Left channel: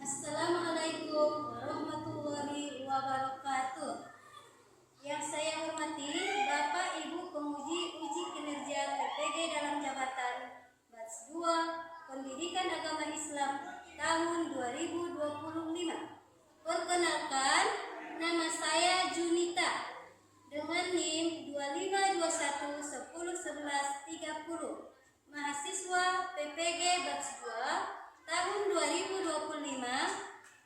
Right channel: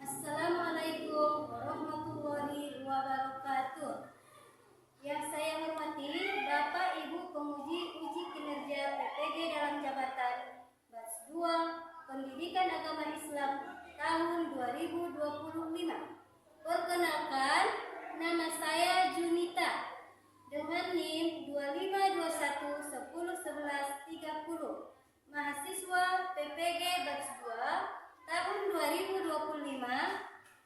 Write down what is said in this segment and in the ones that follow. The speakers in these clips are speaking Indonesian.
Assalamualaikum warahmatullahi wabarakatuh. Yang saya hormati Bapak Ibu penguji uji kinerja PPG dalam jabatan Batch 2 Pendidikan Agama Islam tahun 2025. Perkenalkan, nama saya Junita dengan NIM 2521101130, mahasiswa PPG Batch 2 tahun 2025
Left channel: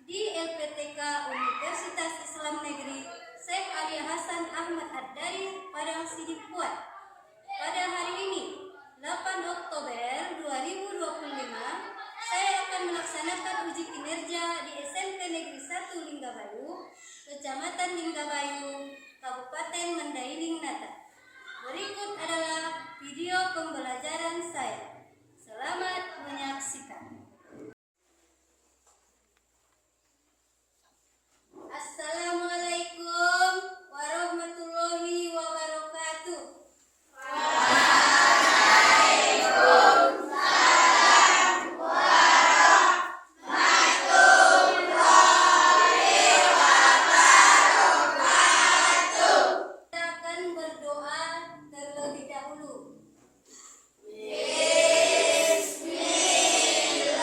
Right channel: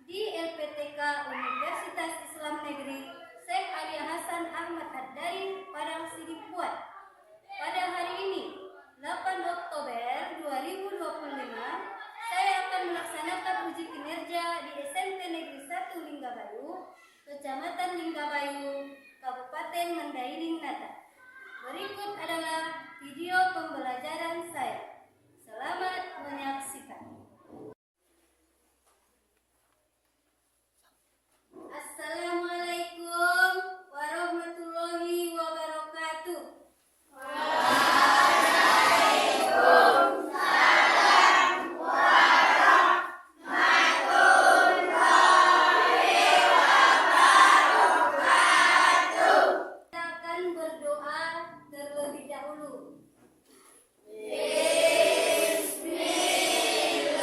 di LPTK Universitas Islam Negeri Syekh Ali Hasan Ahmad Ad-Dari Padang Sidimpuan. Pada hari ini 8 Oktober 2025 saya akan melaksanakan uji kinerja di SMP Negeri 1 Linggabayu, Kecamatan Linggabayu, Kabupaten Mandailing Nata. Berikut adalah video pembelajaran saya. Selamat menyaksikan. Assalamualaikum warahmatullahi wabarakatuh. Waalaikumsalam warahmatullahi wabarakatuh. Kita akan berdoa terlebih dahulu. Bismillah.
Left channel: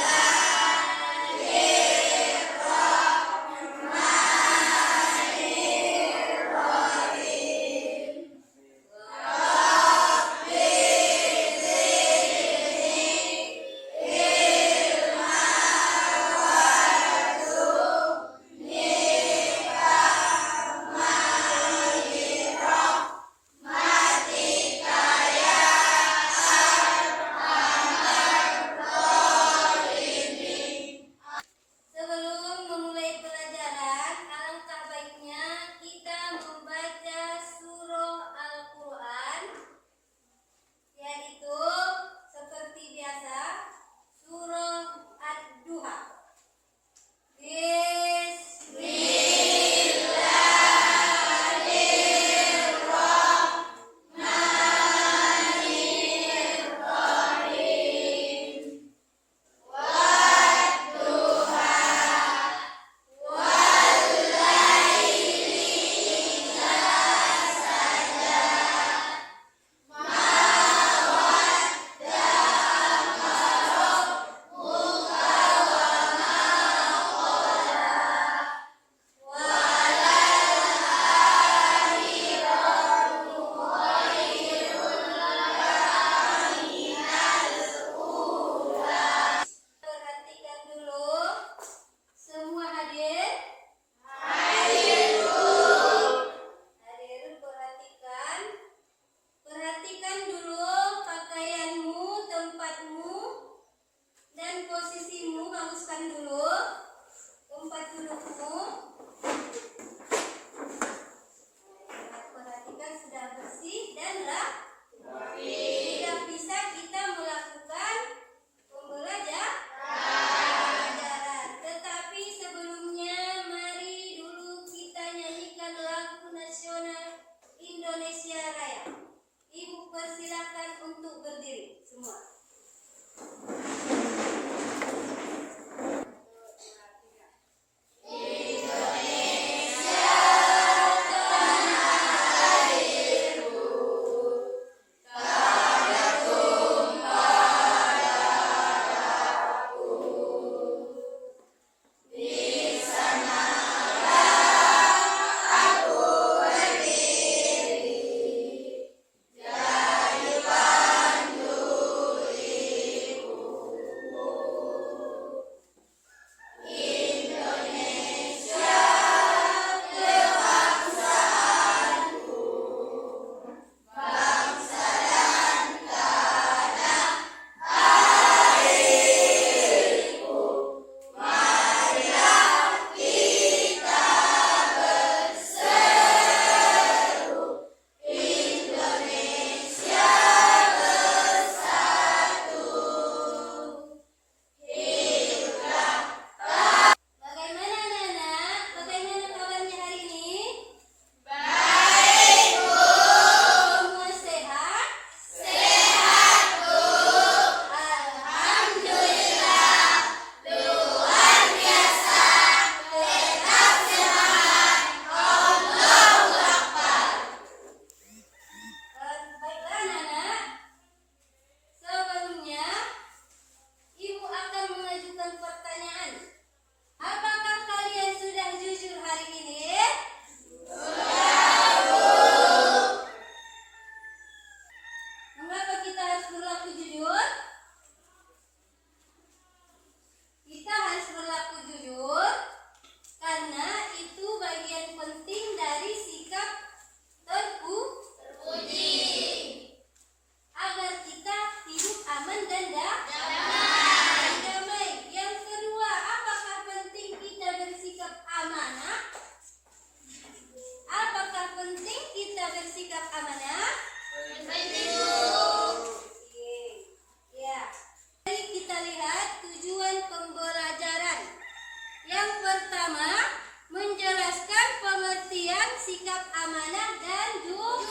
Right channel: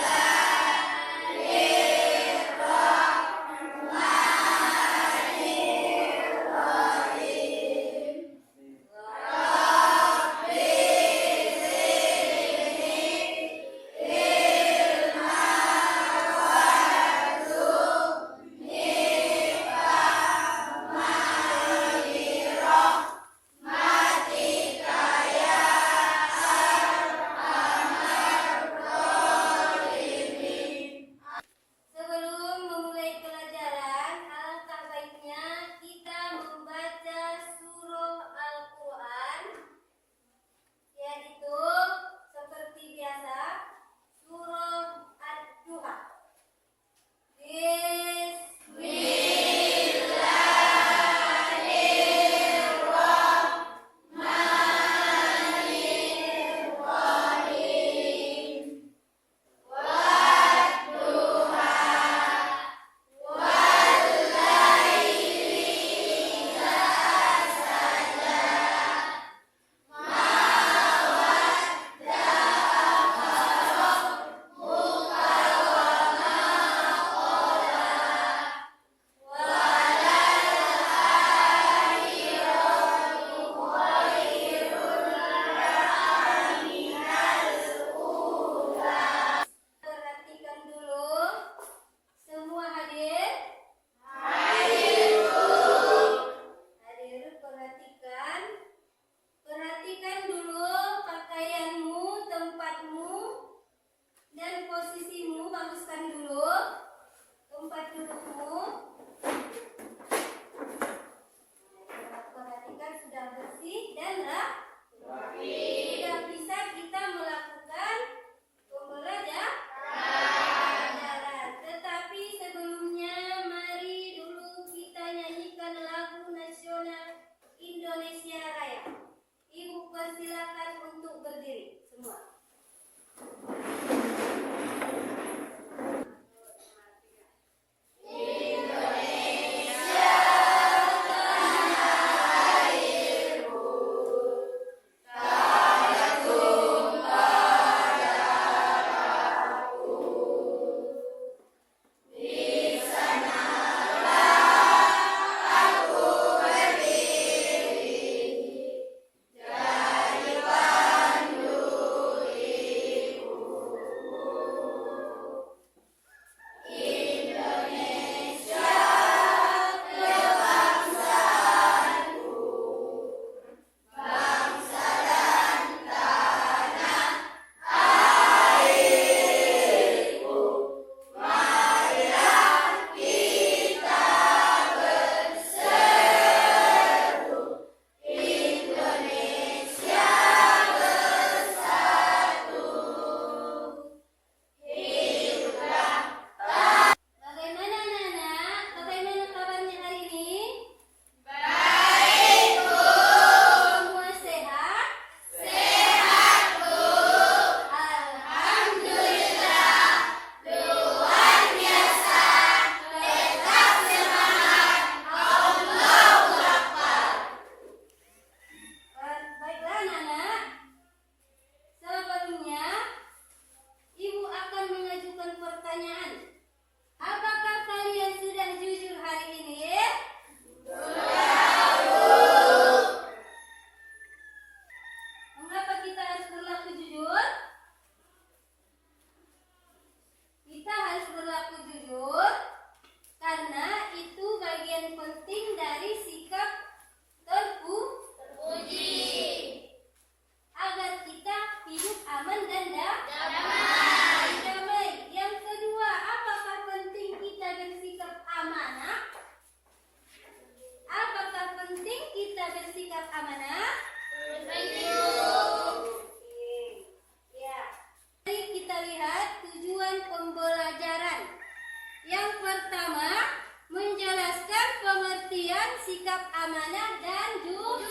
bersikap amanah dan jujur.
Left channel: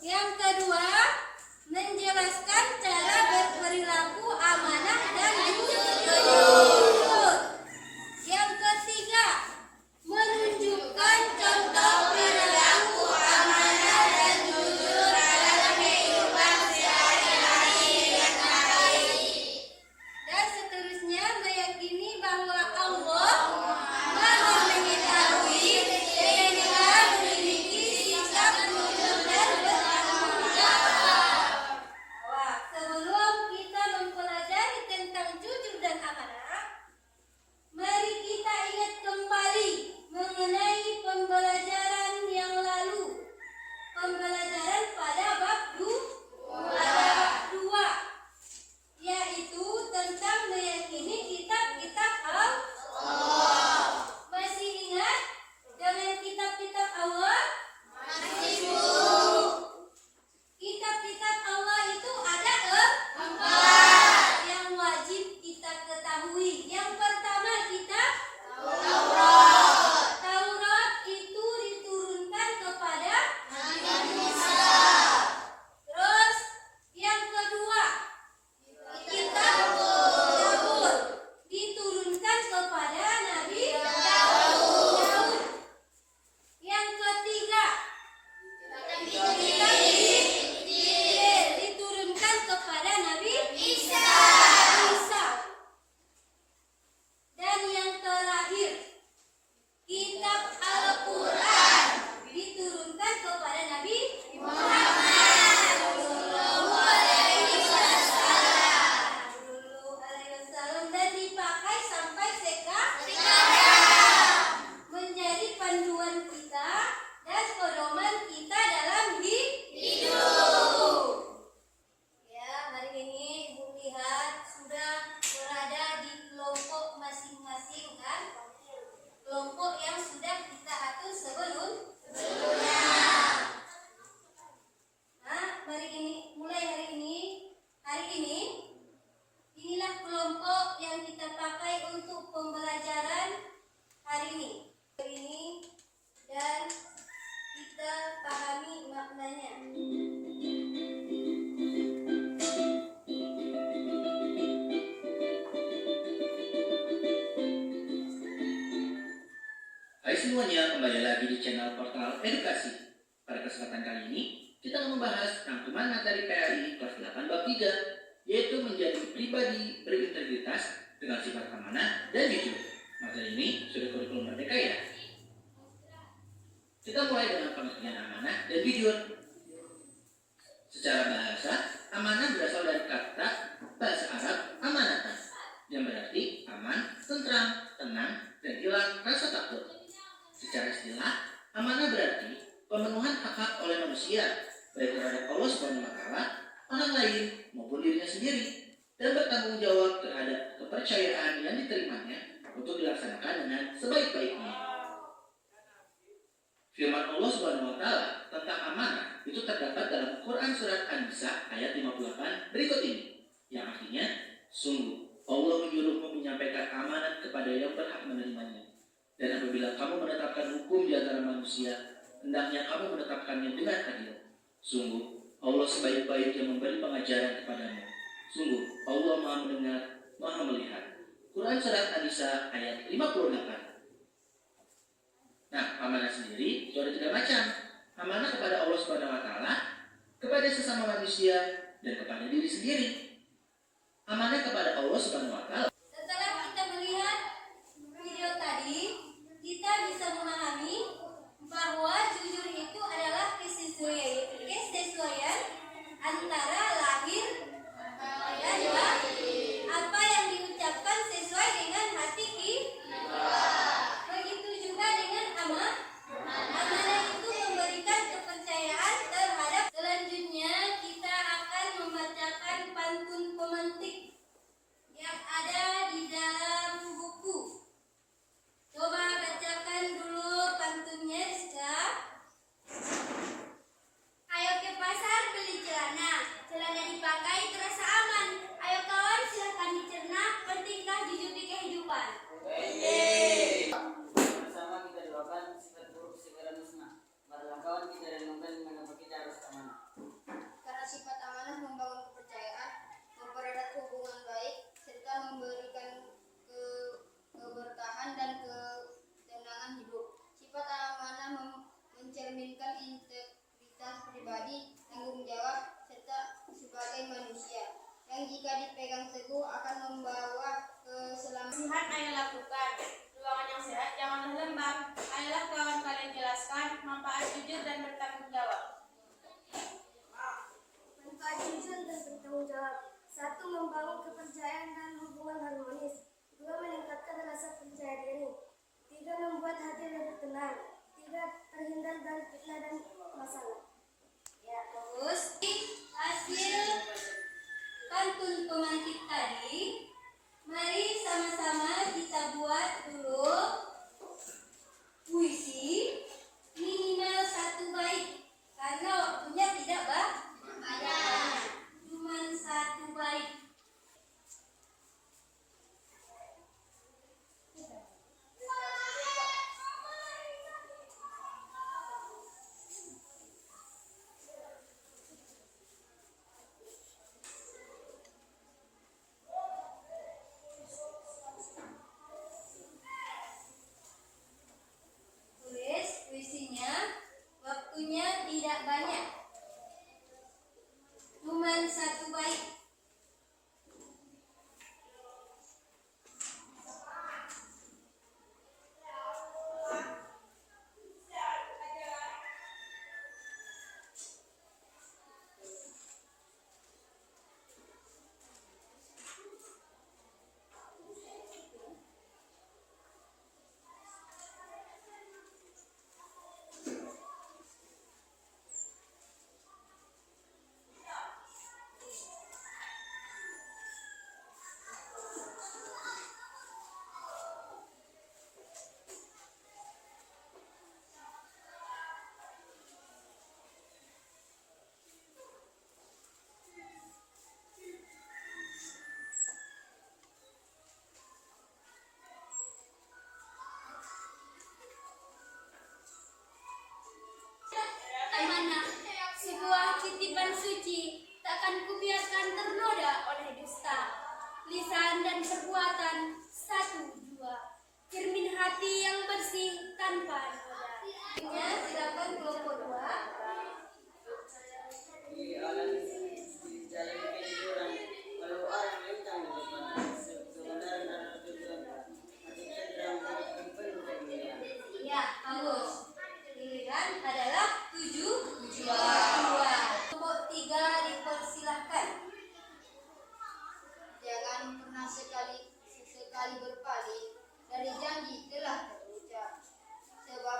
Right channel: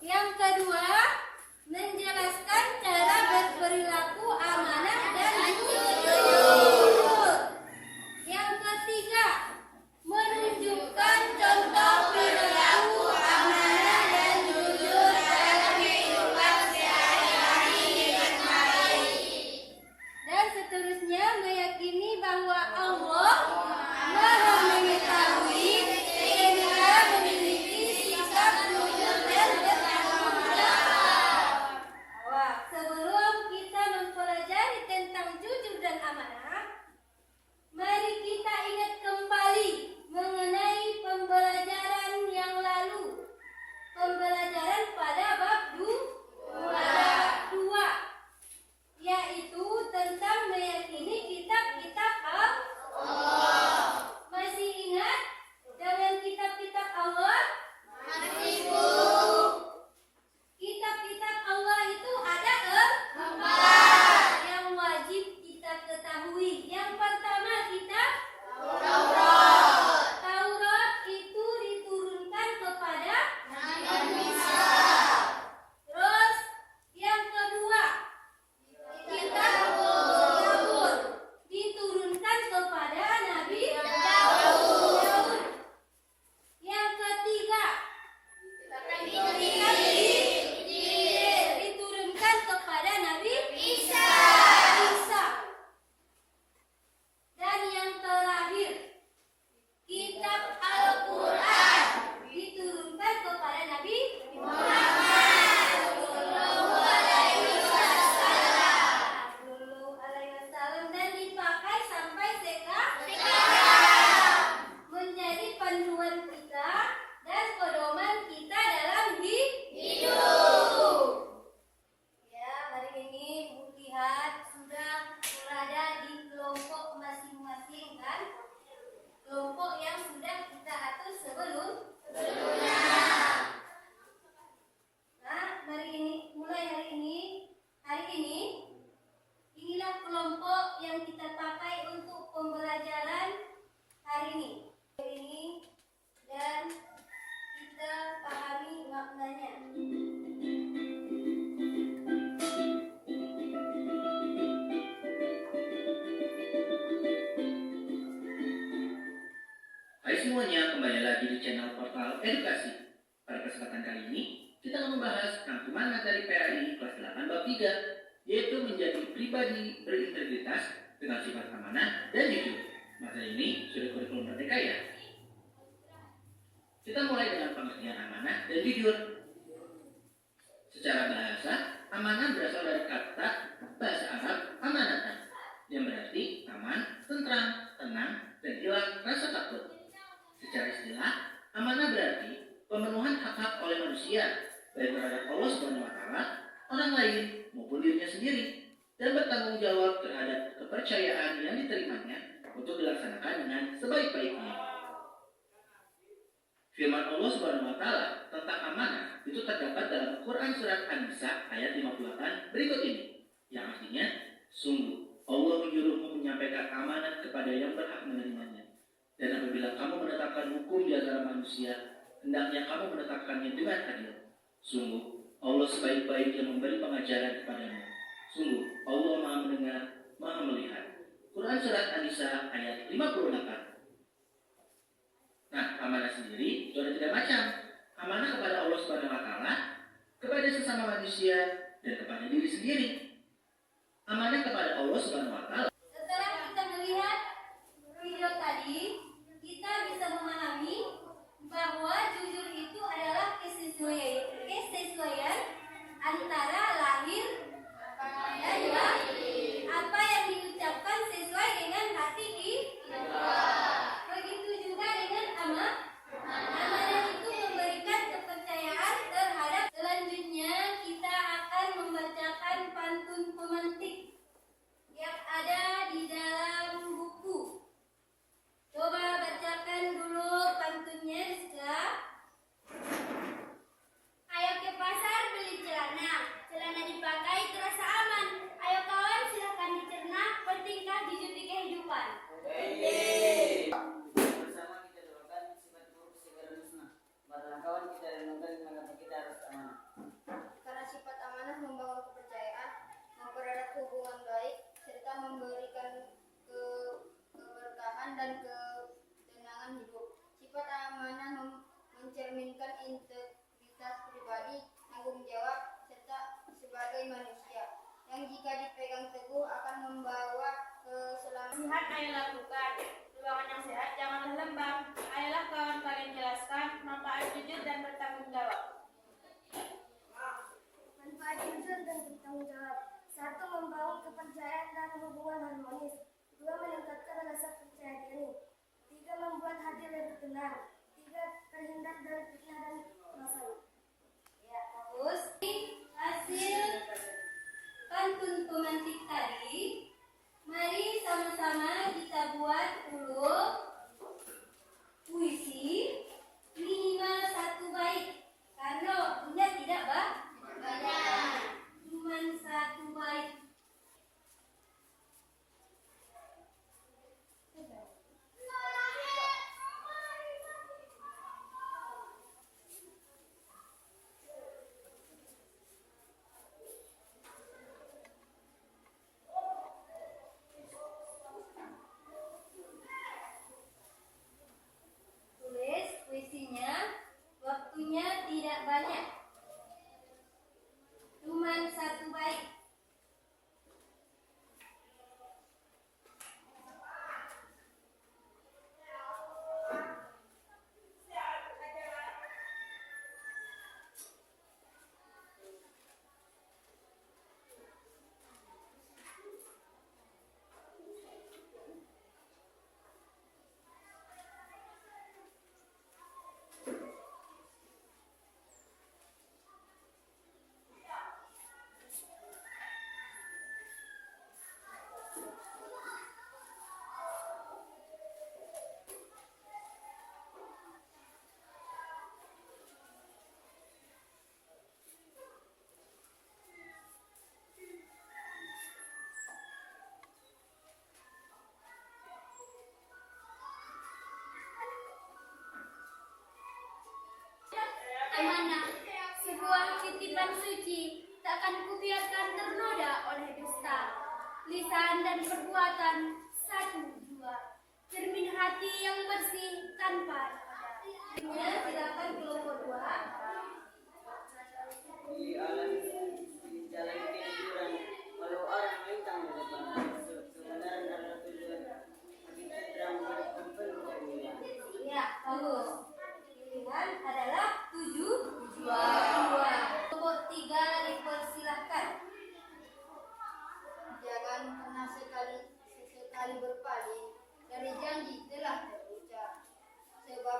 Yang kedua, menjelaskan cara berperilaku amanah dan jujur. Yang ketiga, menunjukkan contoh perilaku amanah dan jujur dalam kehidupan sehari-hari dengan baik. Dan seterusnya, meyakini bahwa Allah Maha mengetahui sehingga memiliki sikap jujur dan bertanggung jawab. Sebelum kita mempelajari tentang jujur dan amanah, mari kita ingat kembali mengenai pembelajaran yang lalu. Pembelajaran pada bab 2, yaitu tentang meyakini kitab-kitab Allah. Masih ingat dengan kitab-kitab Allah? Masih, Bu. Kitab-kitab Allah itu ada 4 yang wajib kita ketahui. Yang pertama, kitab Taurat. Taurat itu diturunkan kepada Nabi Musa. Terus yang kedua, kitab Zabur diturunkan kepada Nabi Daud. Yang ketiga, kitab Injil diturunkan kepada Nabi Isa. Dan yang terakhir, kitab Al-Quran diturunkan kepada Nabi Muhammad Sallallahu Alaihi Wasallam dan dipakai sampai sekarang, menjadi panduan kita dan pedoman kita dalam hidup. Ya, hari ini Ibu lihat sudah berada di kelompok masing-masing, kan? Kelompok yang sudah kita atur sebelumnya. Nah, mulai hari ini inilah kelompok yang kita pakai untuk pembelajaran hari ini. Dan kita pahami maknanya. Hai semuanya, kembali lagi di channel Portal Edukasi. Pada kesempatan kali ini, kita akan membahas rangkuman materi PAI kelas 8 bab 3, yaitu menjadi pribadi berintegritas dengan sifat amanah dan jujur. Materi ini sudah kurikulum merdeka ya. Kita mulai dengan pengertian amanah dan jujur. Secara bahasa, amanah berasal dari kata bahasa Arab amanatan, yang berarti aman, tentram, tenang, dan hilang rasa takut. Secara istilah, amanah berarti pemenuhan hak-hak oleh manusia, baik terhadap Allah Subhanahu wa Ta'ala, orang lain maupun dirinya sendiri, dan bertanggung jawab terhadap kepercayaan yang diterimanya untuk dilaksanakan dengan sebaik-baiknya. Firman Allah Subhanahu wa Ta'ala tentang amanah itu terdapat dalam Quran surat An-Nisa ayat 58 berikut ini, yang artinya, sungguh Allah menyuruhmu menyampaikan amanat kepada yang berhak menerimanya. Dan apabila kamu menetapkan hukum di antara manusia, hendaknya kamu menetapkannya dengan adil. Sungguh, Allah sebaik-baik yang memberi pengajaran kepadamu. Sungguh, Allah Maha mendengar, Maha melihat. Quran surat An-Nisa ayat 58. Nah, amanah sendiri itu ada 3 macam. Amanah kepada Allah Subhanahu wa Ta'ala, kepada sesama manusia, dan kepada diri sendiri. Amanah kepada Allah Subhanahu wa Ta'ala. Setelah kita melihat video tadi, kita bisa memahami bahwa jujur itu adalah kesesuaian antara lahir dan batin. Apa yang diucapkan sesuai dengan hati kita. Begitu juga dengan amanah. Amanah itu memberikan kepercayaan terhadap. Selanjutnya kita akan membacakan pantun pemantik yang ada Marilah kawan kita renungkan mengapa kita harus amanah. Karena sifat amanah membangun kepercayaan, mempererat hubungan baik, serta memberikan keberkahan dan ketenangan hidup. Sifat amanah mencerminkan integritas pribadi, tanggung jawab, serta sebagai manusia yang jika dipegang teguh akan membawa keselamatan. Nasihat ayo lakukan. Ruangan yang sehat janganlah lembab. Ayolah kawan kalian jelaskan manfaat jujur dan bertanggung jawab. Manfaat jujur dan bertanggung jawab. 1. Membangun kepercayaan dan hubungan harmonis. 2. Meningkatkan rasa percaya diri. 3. Membuat hati lebih tenang. 3. Terhindar dari fitnah dan masalah. Ya, terus hasil pantun pemantik tadi. Mari sama-sama kita buat dulu puisi minimal 1 bait karena waktunya tidak banyak, cuma 1 bait. Tulis puisinya, waktunya tidak banyak, cuma 1 bait. Amanah, sebuah titipan suci, takkan kubiarkan ternoda oleh dusta. Lisan dan perbuatan 1, 2, cermin hati yang bersih tanpa noda. Silakan kelompok 2. Di alam di jalan kehidupan, walau orang melintang di depan, kebenaran adalah tujuan. Hati cenderung menjadi penuh keinginan. Ya, bagus. Pilihan adalah 7, 2. Kelompok 3 dipersilahkan. Jangan pernah sekali berpaling dari janji telah terucap, sebab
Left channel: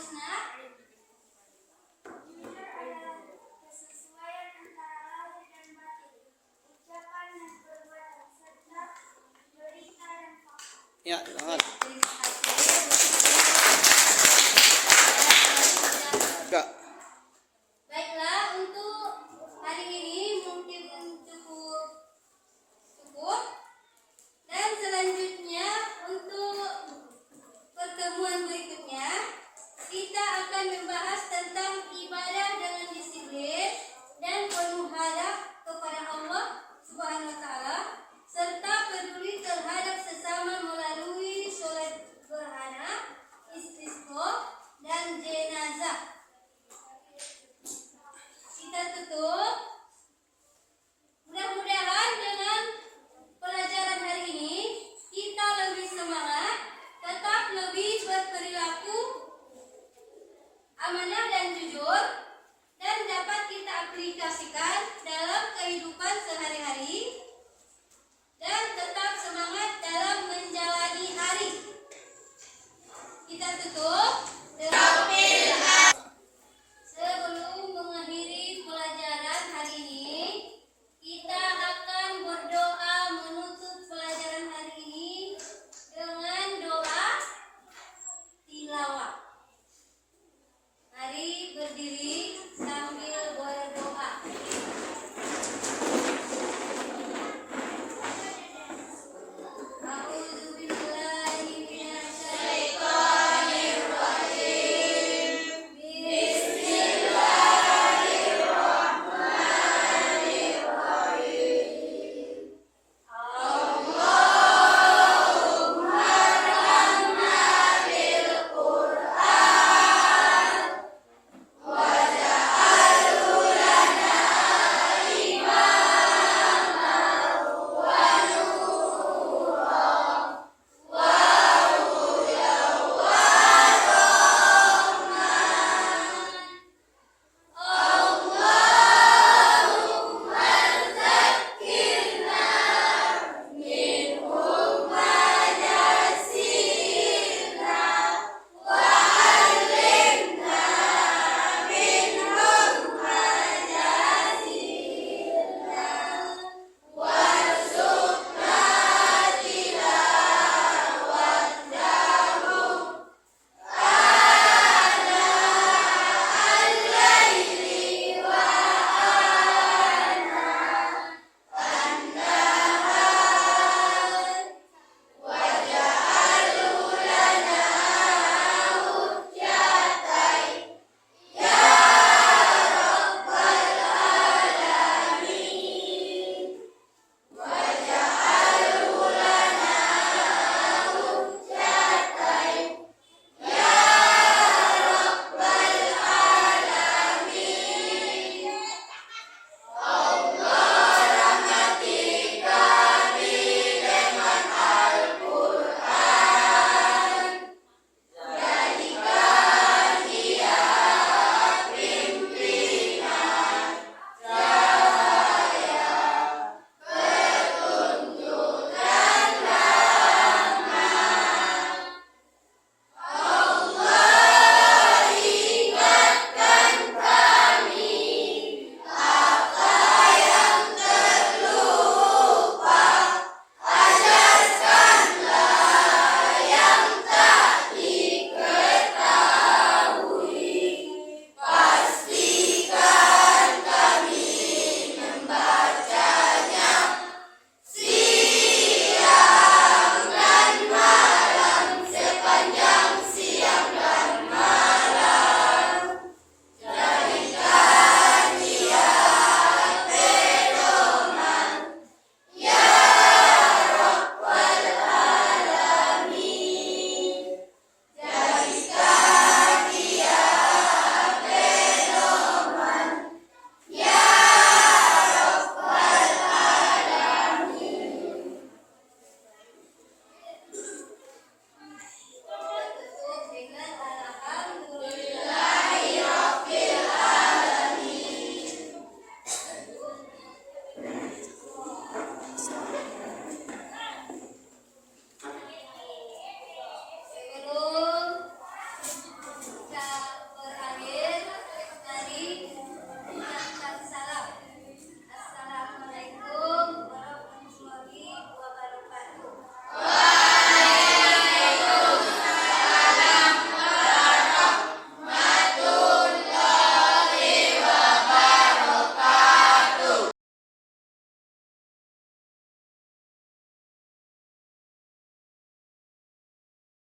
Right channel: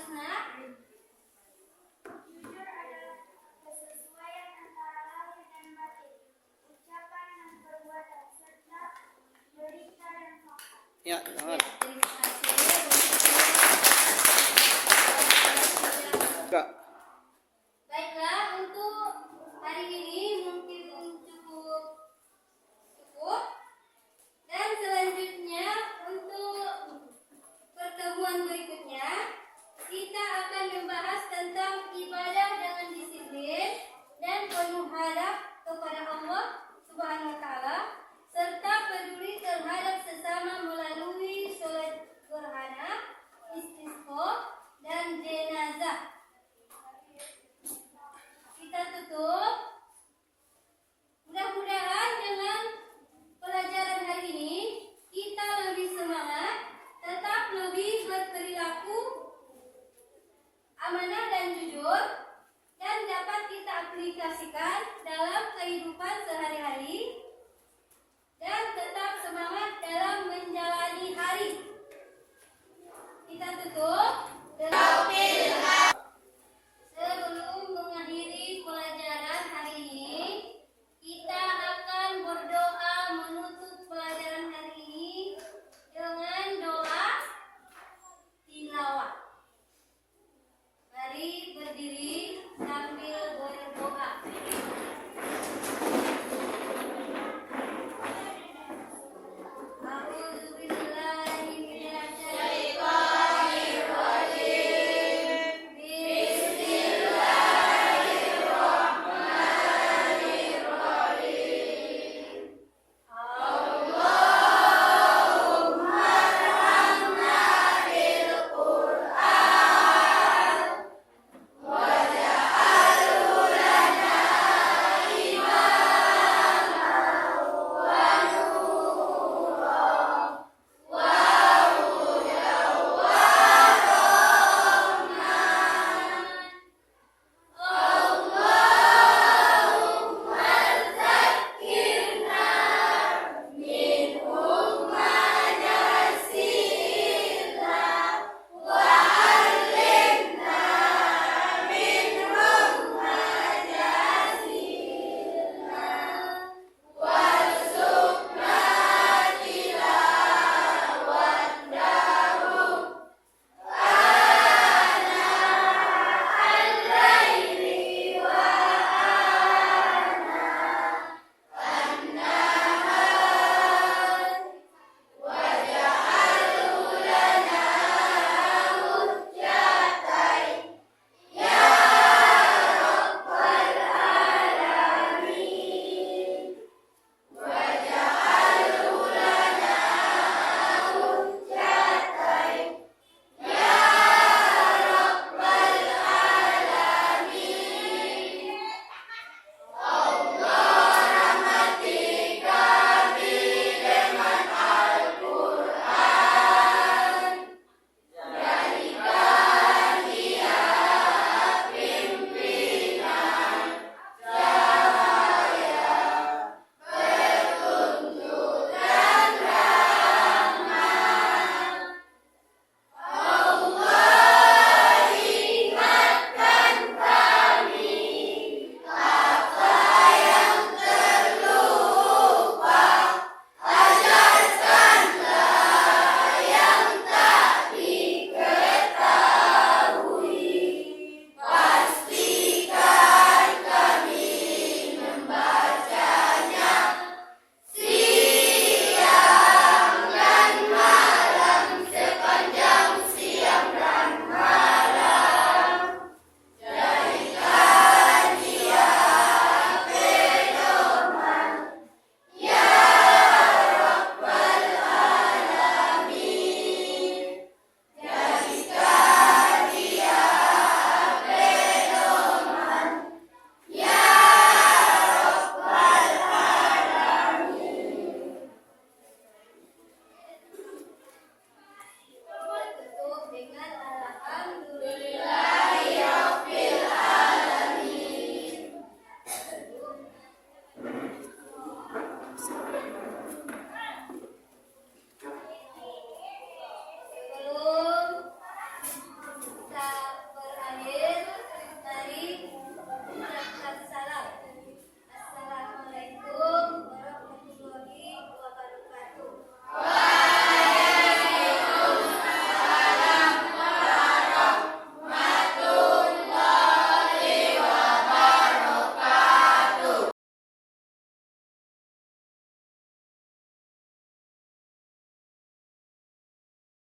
Rosna. Jujur adalah kesesuaian antara lahir dan batin, ucapan dan perbuatan, serta berita dan fakta. Ya, selamat.